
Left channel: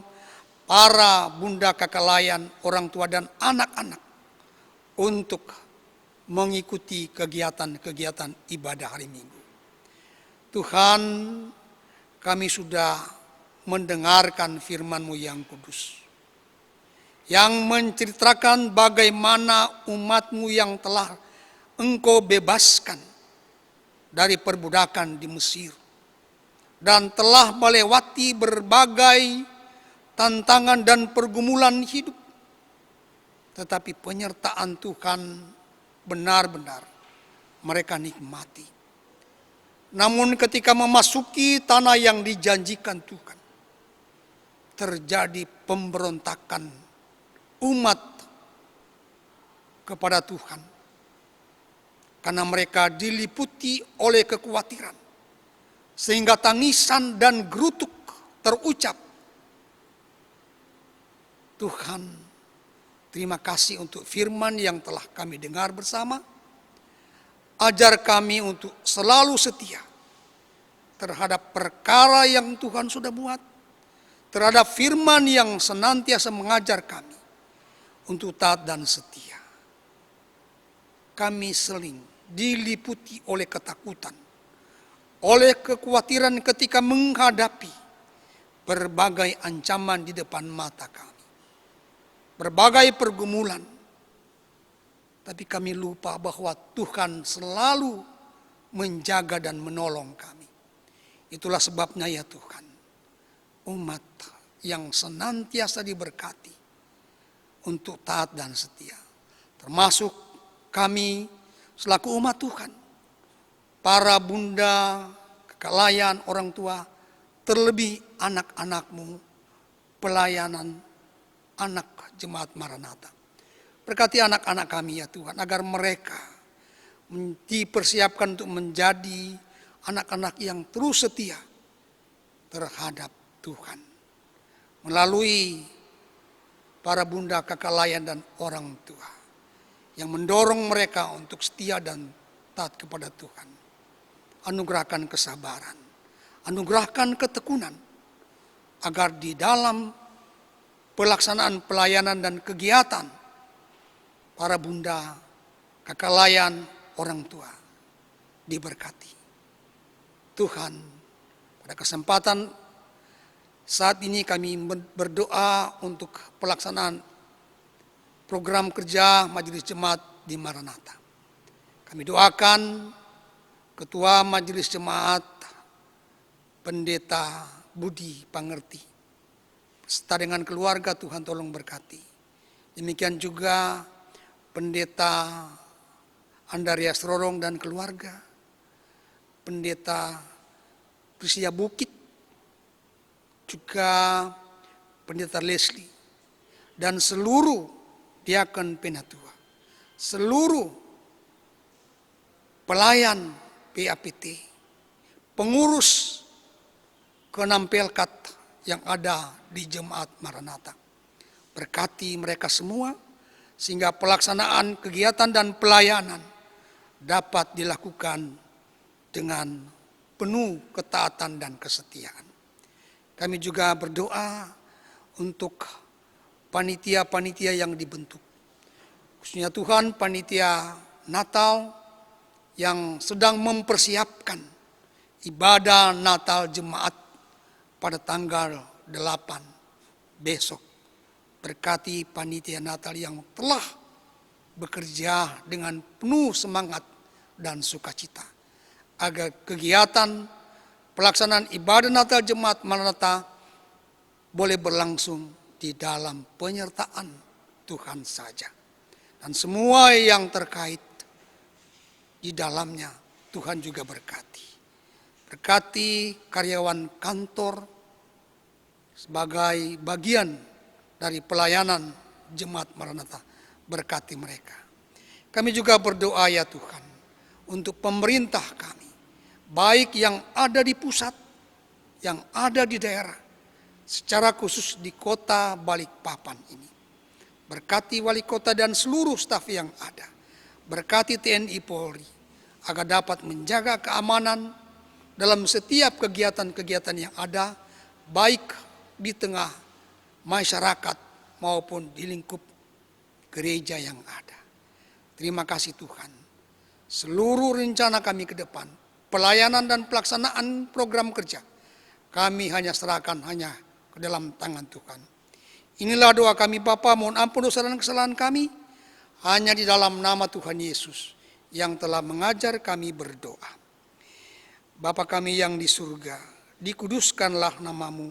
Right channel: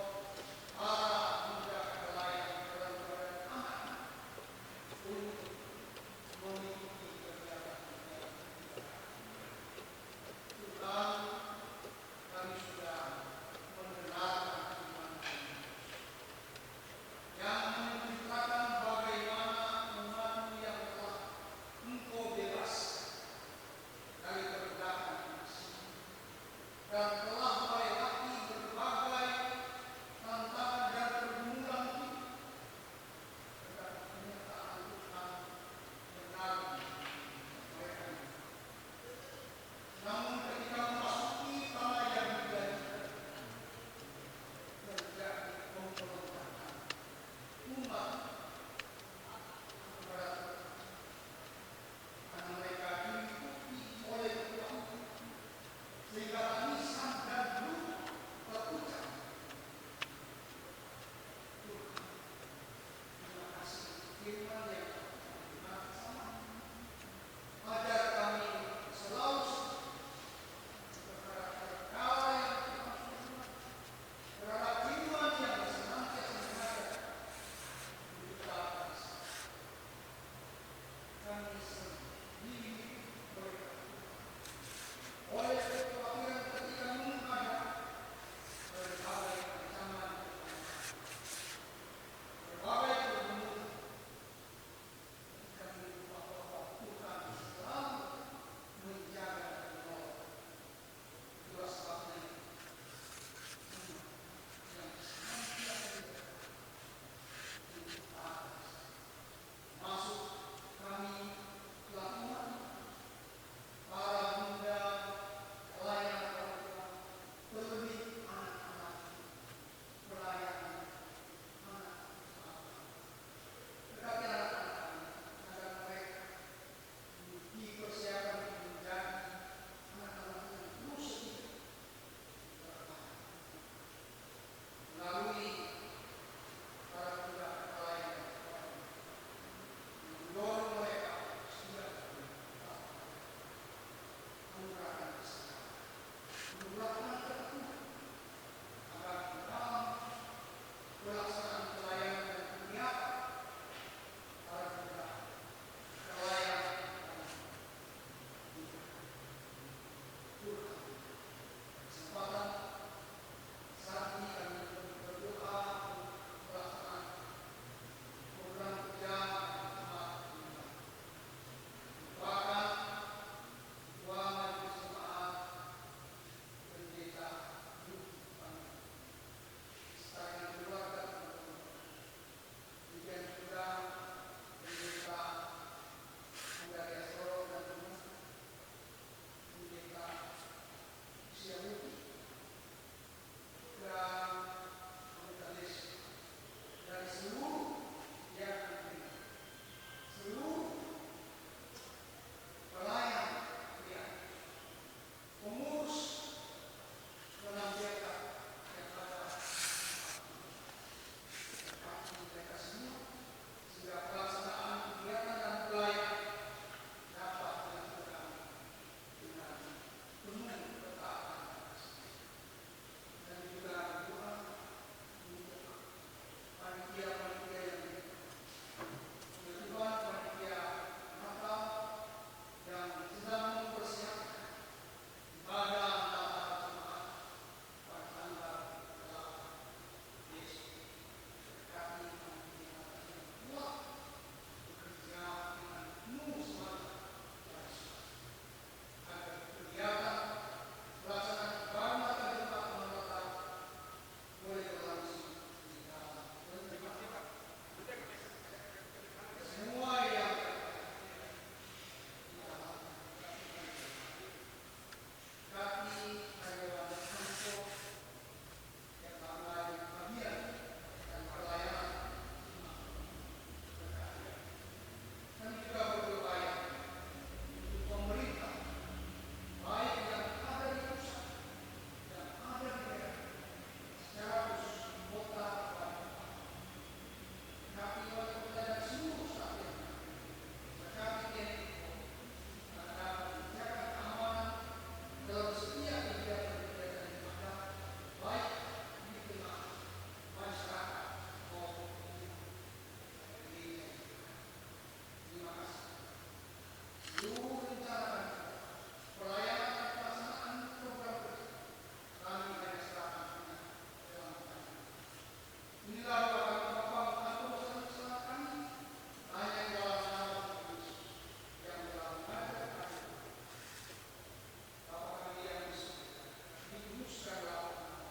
para bunda kakak layan, orang tua dan anak-anak untuk mengikuti kegiatan-kegiatan ibadah hari Minggu. Tuhan, kami sudah mendengarkan firman-Mu yang kudus, yang menceritakan bagaimana umat-Mu yang telah Engkau bebaskan dari perbudakan di Mesir, dan telah melewati berbagai tantangan dan pergumulan hidup. Tetapi penyertaan Tuhan benar-benar mereka nikmati. Namun ketika memasuki tanah yang dijanjikan Tuhan, terjadi pemberontakan umat kepada Tuhan. Karena mereka diliputi oleh kekhawatiran, sehingga tangisan dan gerutuk terucap. Tuhan, terima kasih untuk firman yang telah kami dengar bersama. Ajar kami untuk selalu setia terhadap perkara yang Tuhan sudah buat, terhadap firman yang senantiasa mengajar kami untuk taat dan setia. Kami sering diliputi oleh ketakutan, oleh kekhawatiran ketika menghadapi berbagai ancaman di depan mata kami, berbagai pergumulan. Tapi kami lupa bahwa Tuhan selalu menjaga dan menolong kami. Itulah sebabnya ya Tuhan, umat yang senantiasa diberkati untuk taat dan setia, termasuk kami selaku umat Tuhan, para bunda, kakak layan, orang tua, terlebih anak-anak-Mu, pelayanan anak jemaat Maranatha. Berkati anak-anak kami ya Tuhan, agar mereka dipersiapkan untuk menjadi anak-anak yang terus setia terhadap Tuhan. Melalui para bunda, kakak layan dan orang tua yang mendorong mereka untuk setia dan taat kepada Tuhan. Anugerahkan kesabaran, anugerahkan ketekunan, agar di dalam pelaksanaan pelayanan dan kegiatan para bunda, kakak layan, orang tua diberkati. Tuhan, pada kesempatan saat ini kami berdoa untuk pelaksanaan program kerja Majelis Jemaat di Maranatha. Kami doakan Ketua Majelis Jemaat, Pendeta Budi Pangerti, serta dengan keluarga, Tuhan tolong berkati. Demikian juga Pendeta Andarias Rorong dan keluarga, Pendeta Prisia Bukit, juga Pendeta Leslie, dan seluruh diakon penatua, seluruh pelayan PAPT, pengurus ke-6 Pelkat yang ada di Jemaat Maranatha. Berkati mereka semua, sehingga pelaksanaan kegiatan dan pelayanan dapat dilakukan dengan penuh ketaatan dan kesetiaan. Kami juga berdoa untuk panitia-panitia yang dibentuk, khususnya Tuhan panitia Natal yang sedang mempersiapkan ibadah Natal jemaat pada tanggal 8 besok. Berkati panitia Natal yang telah bekerja dengan penuh semangat dan sukacita, agar kegiatan pelaksanaan ibadah Natal jemaat Maranatha boleh berlangsung di dalam penyertaan Tuhan saja. Dan semua yang terkait di dalamnya Tuhan juga berkati. Berkati karyawan kantor sebagai bagian dari pelayanan jemaat Maranatha. Berkati mereka. Kami juga berdoa ya Tuhan untuk pemerintah kami, baik yang ada di pusat, yang ada di daerah, secara khusus di kota Balikpapan ini. Berkati wali kota dan seluruh staf yang ada. Berkati TNI Polri agar dapat menjaga keamanan dalam setiap kegiatan-kegiatan yang ada, baik di tengah masyarakat maupun di lingkup gereja yang ada. Terima kasih Tuhan. Seluruh rencana kami ke depan, pelayanan dan pelaksanaan program kerja, kami hanya serahkan hanya ke dalam tangan Tuhan. Inilah doa kami Bapa, mohon ampun dosa dan kesalahan kami, hanya di dalam nama Tuhan Yesus yang telah mengajar kami berdoa. Bapa kami yang di surga, dikuduskanlah namamu,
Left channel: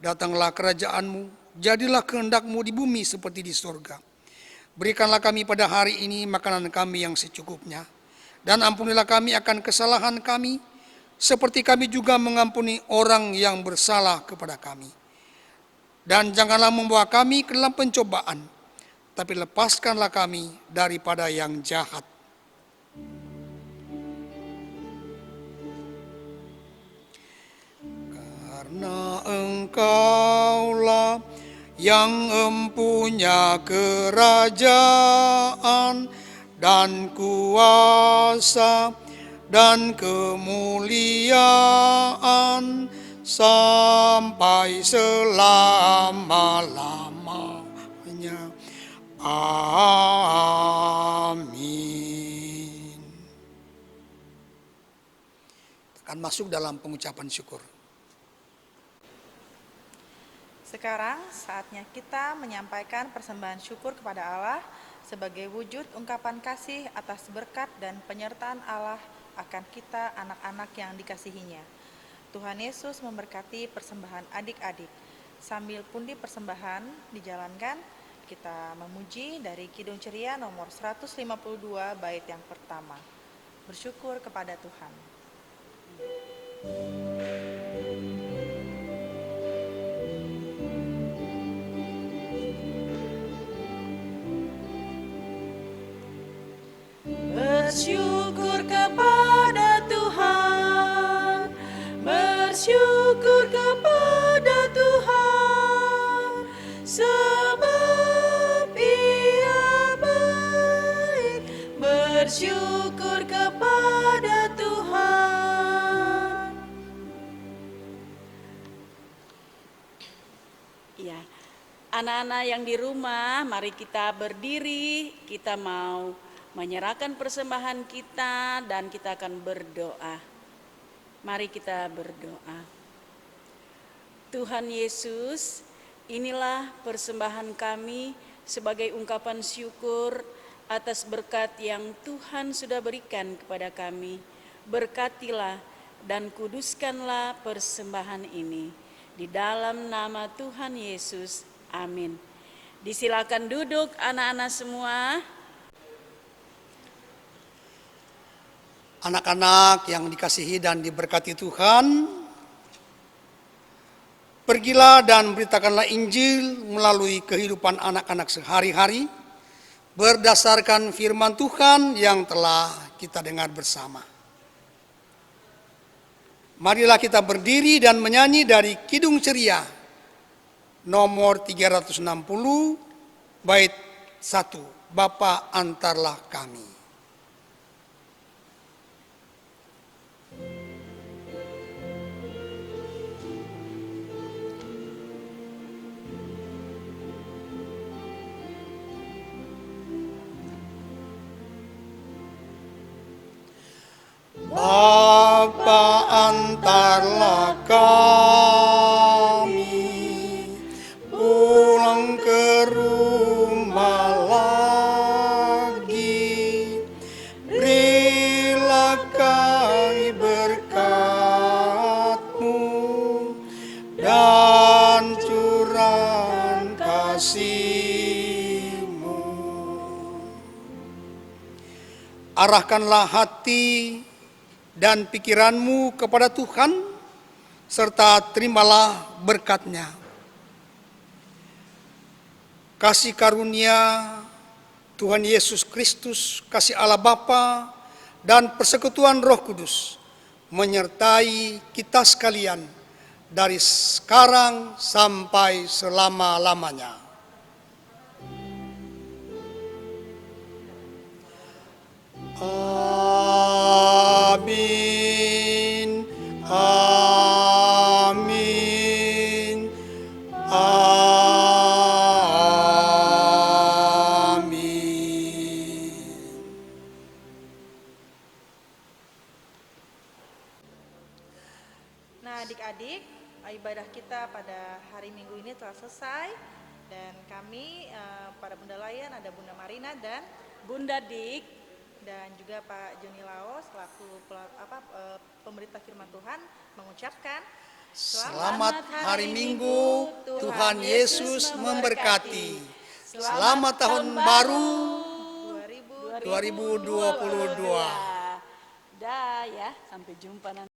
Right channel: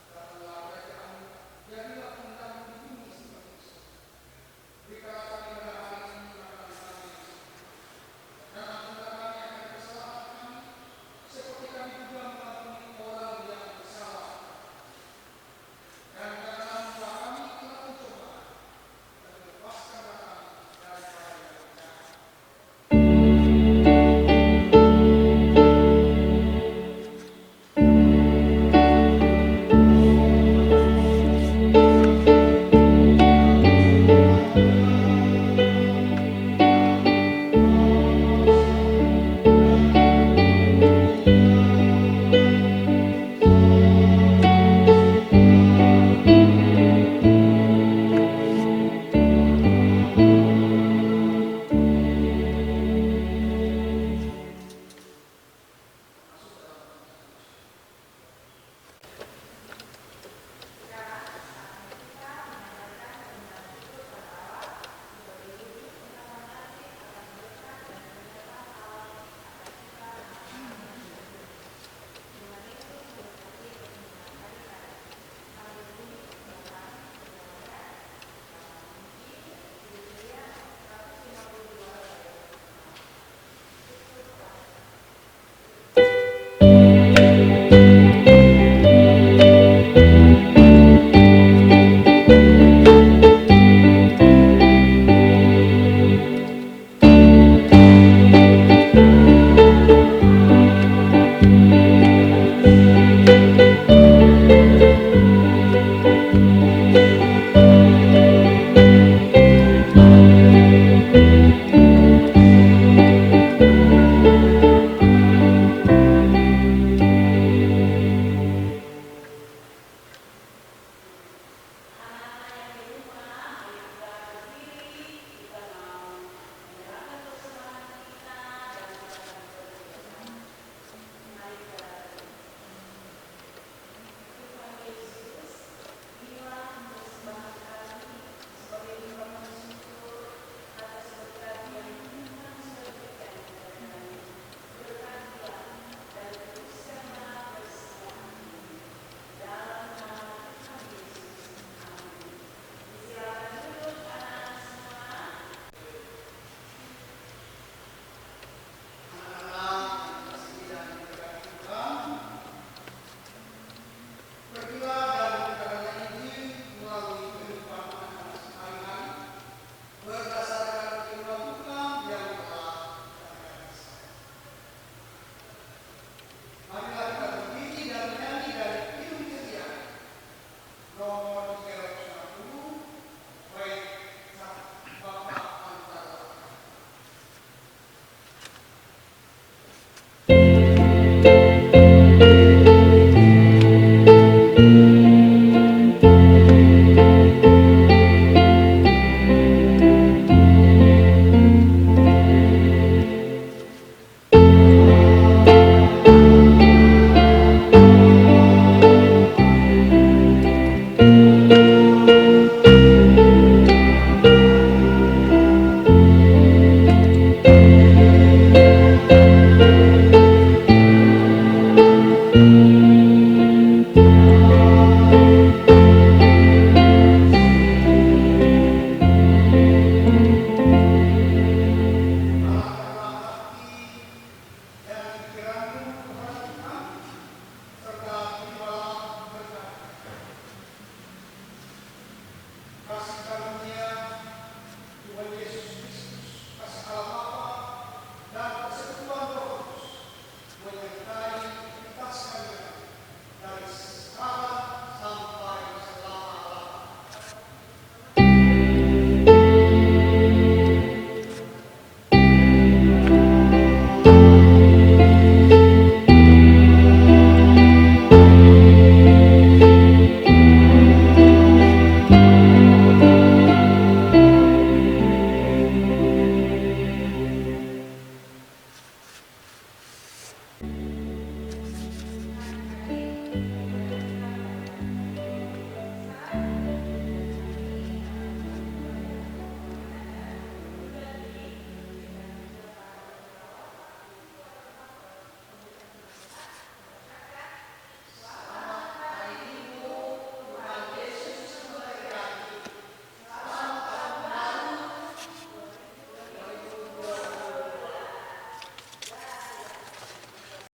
datanglah kerajaanmu, jadilah kehendak-mu di bumi seperti di surga. Berikanlah kami pada hari ini makanan kami yang secukupnya, dan ampunilah kami akan kesalahan kami, seperti kami juga mengampuni orang yang bersalah kepada kami. Dan janganlah membawa kami ke dalam pencobaan, tapi lepaskanlah kami daripada yang jahat. Engkaulah yang mempunyai kerajaan dan kuasa dan kemuliaan sampai selama-lamanya. Amin. Akan masuk dalam pengucapan syukur. Sekarang saatnya kita menyampaikan persembahan syukur kepada Allah sebagai wujud ungkapan kasih atas berkat dan penyertaan Allah akan kita anak-anak yang dikasihinya. Tuhan Yesus memberkati persembahan adik-adik. Sambil pundi persembahan dijalankan, kita memuji dari Kidung Ceria nomor 152 bait yang pertama. Bersyukur kepada Tuhan. Anak-anak yang di rumah, mari kita berdiri, kita mau menyerahkan persembahan kita dan kita akan berdoa. Mari kita berdoa. Tuhan Yesus, inilah persembahan kami sebagai ungkapan syukur atas berkat yang Tuhan sudah berikan kepada kami. Berkatilah dan kuduskanlah persembahan ini. Di dalam nama Tuhan Yesus, amin. Disilakan duduk anak-anak semua. Anak-anak yang dikasihi dan diberkati Tuhan, pergilah dan beritakanlah Injil melalui kehidupan anak-anak sehari-hari berdasarkan firman Tuhan yang telah kita dengar bersama. Marilah kita berdiri dan menyanyi dari Kidung Ceria nomor 360 bait 1, Bapa antarlah kami. Bapa Tundukkanlah hati dan pikiranmu kepada Tuhan, serta terimalah berkat-Nya. Kasih karunia Tuhan Yesus Kristus, kasih Allah Bapa, dan persekutuan Roh Kudus menyertai kita sekalian dari sekarang sampai selama-lamanya. Nah, adik-adik, ibadah kita pada hari Minggu ini telah selesai, dan kami para bunda layan ada Bunda Marina dan Bunda Dik, dan juga Pak Joni Lao selaku pemerintah firman Tuhan mengucapkan Selamat hari Minggu, Tuhan Yesus memberkati. Selamat tahun baru 2022. dah ya, sampai jumpa nanti.